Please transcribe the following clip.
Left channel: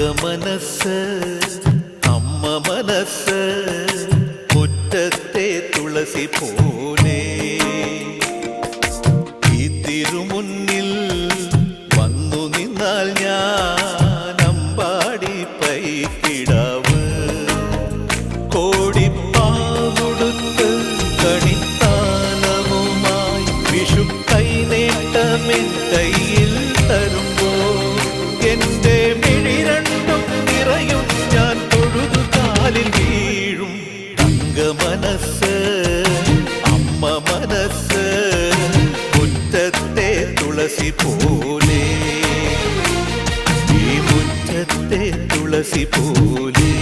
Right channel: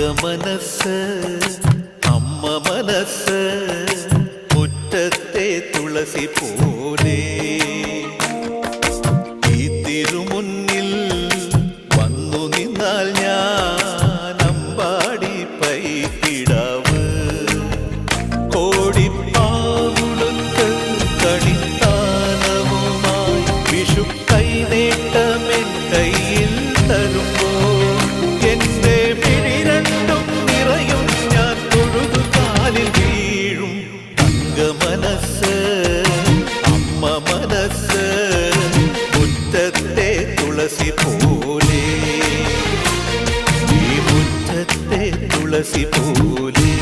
മനസ്സ് അമ്മ മനസ്സ് മുറ്റത്തെ തുളസി പോലെ ഈ തിരുമുന്നിൽ വന്നു നിന്നാൽ ഞാൻ അമ്പാടി പൈക്കിടാവ് കോടിപ്പാവുടുത്ത് കണിത്താലവുമായി വിഷു കൈനേട്ടമെൻ കയ്യിൽ തരുമ്പോൾ എന്റെ മിഴി രണ്ടും നിറയും ഞാൻ തൊഴുതു കാലിൽ വീഴും തങ്ക മനസ്സ് അമ്മ മനസ്സ് മുറ്റത്തെ തുളസി പോലെ ഈ മുറ്റത്തെ തുളസി പോലെ